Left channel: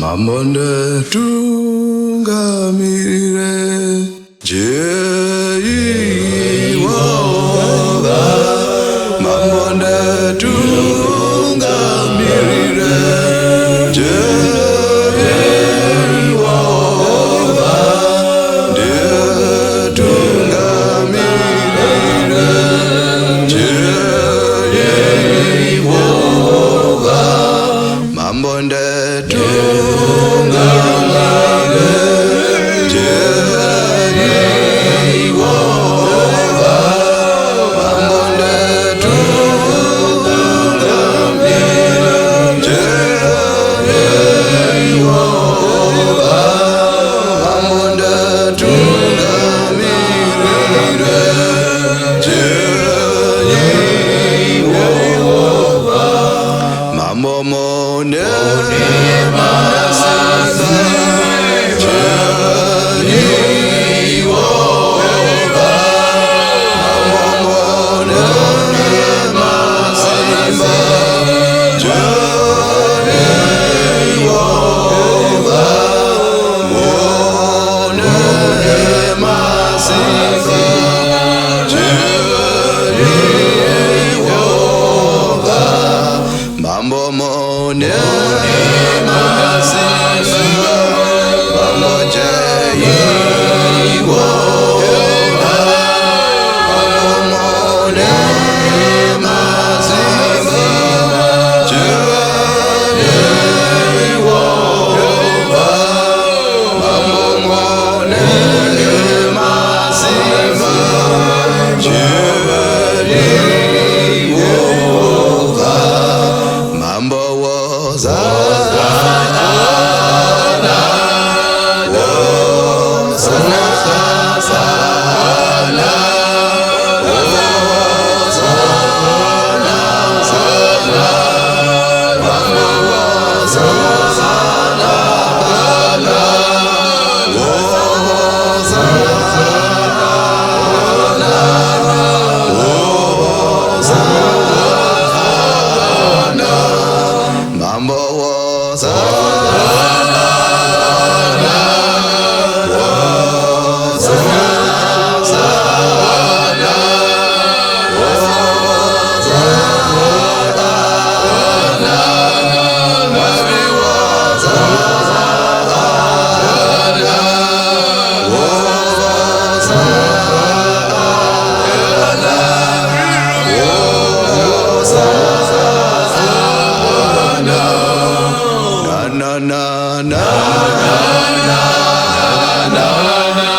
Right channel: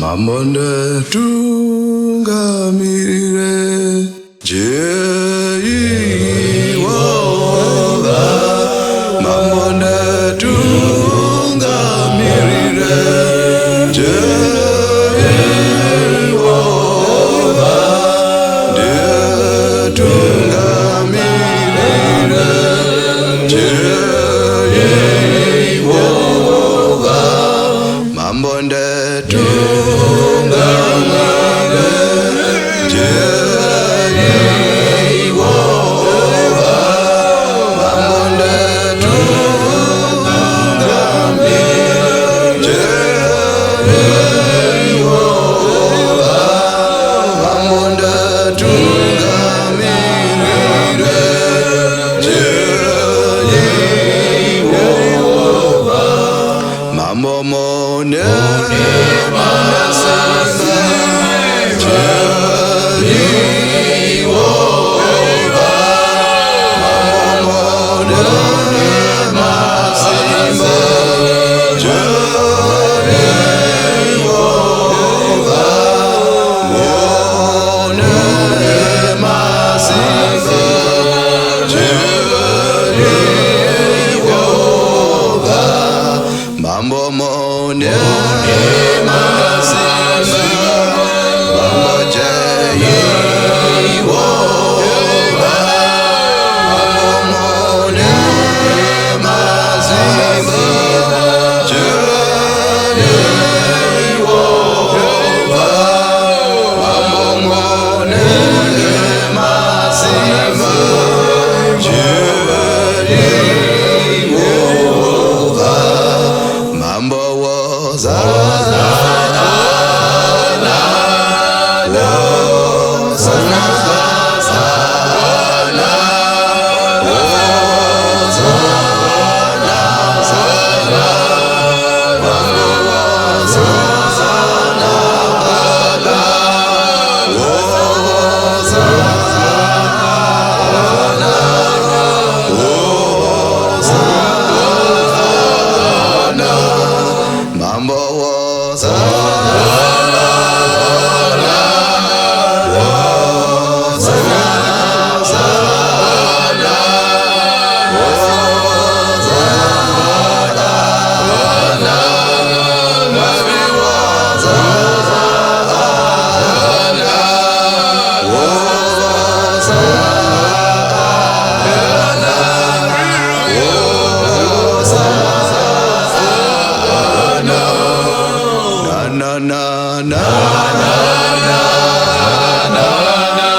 Mamonde tungamire Jehovah. Mamonde tungamire Jehovah. De tungamirire Jehovah. Mamonde tungamire Jehovah. Mamonde tungamire Jehovah. Mamonde tungamirire Jehovah. Mambo mone manasaba Jehovah. Mambo mone masimba Jehovah. Mone masimba Jehovah. Mambo mone masimba Mambo Jehovah. Mambo mone masimba Jehovah. Mambo mone masimba Jehovah. Mambo Hosanna, Hosanna, Hosanna, Hosanna, Hosanna. Mambo Hosanna, Hosanna, Hosanna. Mambo Hosanna, Hosanna, Hosanna, Hosanna. Mambo Hosanna, Hosanna, Hosanna. Na na na na na na na.